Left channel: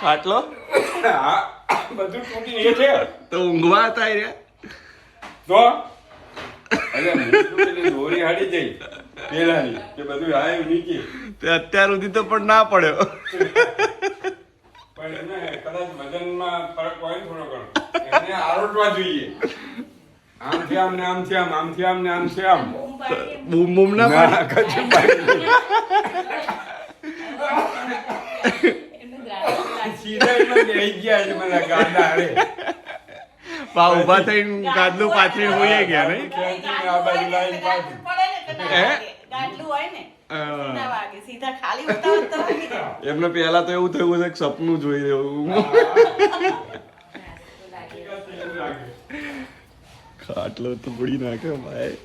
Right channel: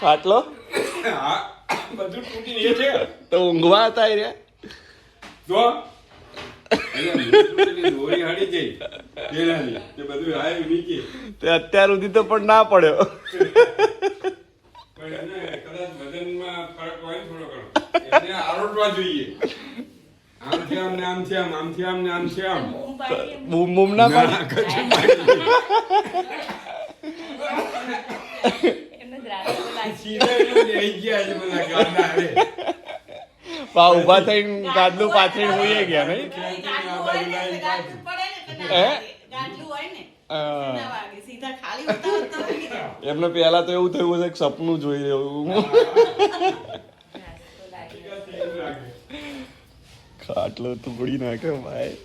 ખાટલો બધું તૂટી છે તો ઊંઘવા હતા રે તો દોરી હાડી જઈ પેલાની કે બધું આવ્યું નીચે તે અત્યાર સુધી તો પણ ના પડ્યો પણ એને કદાચ વજનમાં ફરક હોય ને થોડો ઘણો એને આરોટવા જોઈએ આમ છે આમ ને આમ છે આમ આમ છે આમ ને આમ છે આમ બૂમ બૂમ ના ના કશું પાડી નહીં. સીધા એટલો બેસી ગયા છે બધા ગાંડા હારે. ઉભા થઈને ગાદલું પાથરી હોઈ ગયા ને ખેંચીને આ બાજુ લાવીને પાછું. એમને પેલા તો એવું થયું છે કે સપનું જોઈ એવું ખાટલો તો પડી નાખે ભાઈ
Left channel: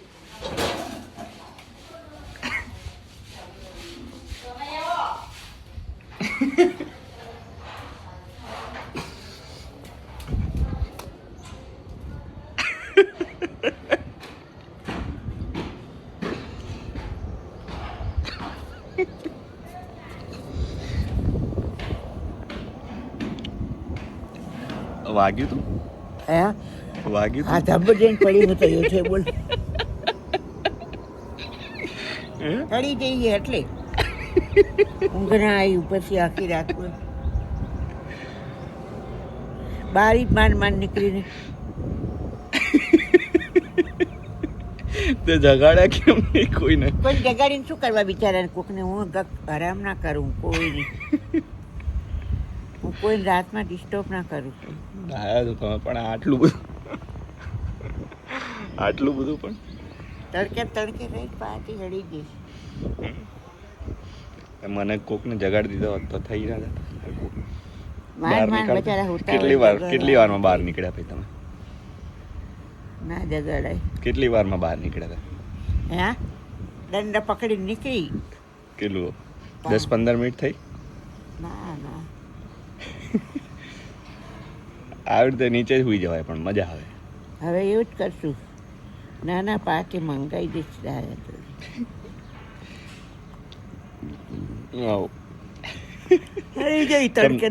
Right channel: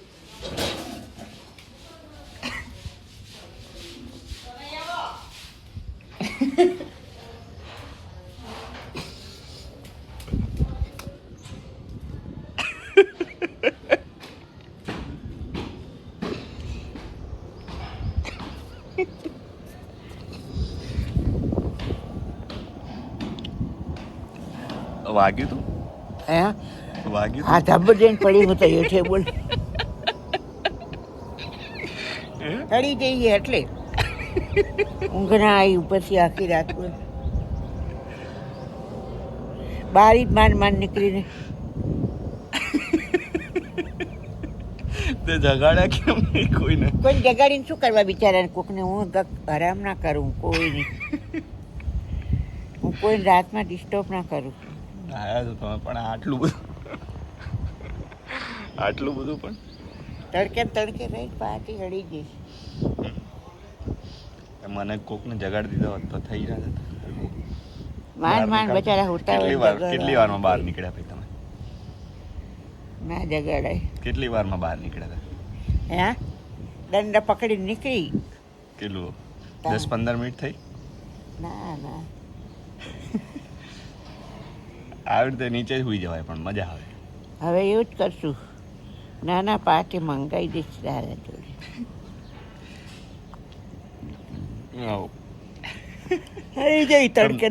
વાગ્યું તું હે વાગ્યું આ ધબ્બ જઈને પડી હું તો હેઠે બોલ ચડી જઈએ એટલે ઊંઘ ના આવી પછી આખી રાત બોલ બારી જ માંડ માંડ નીકળીને તે જગાડ્યા કેમ નહીં કોઈને કોઈ જગાડીને શું કરવા બિચારાને કોકને હું આરામ ના કરું કોઈ નહીં હું કોઈ રાતમાં ડિસ્ટર્બ ના કરું આયા તો તમે પણ આટલું બધું પણ તડકે રહી પાછી હળી ગઈ મને કોકને જગાડી દીધો હોત તો થઈ જાય માંડ માંડ બચારા હોતા કેટલી વારમાં બહાર નીકળ્યા હતા તમે ના જગાડાય કેટલી વારમાં બહાર નીકળ્યા હતા હા દંડ પકડીને નીકળી કેટલું 10-15 મિનિટ થઈ ના ના આવી રીતે નીચે જ સુઈ જવાય પણ મજા આવે હવે એવું જ કરશું નાના પાર્ટી મંગાવી દઈશ દાદા જોડે થઈ ગઈ તડકે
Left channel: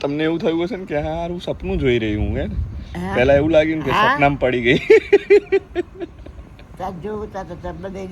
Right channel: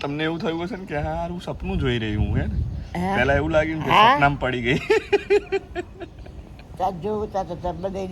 તમને એવું થયું હશે ને કે હારું સપનું જોઈ રહી હું હે હા. પેલા એવું લાગ્યું કે હા. સપનામાં પડી ગઈ ત્યાં જોવું ત્યાં તો બધા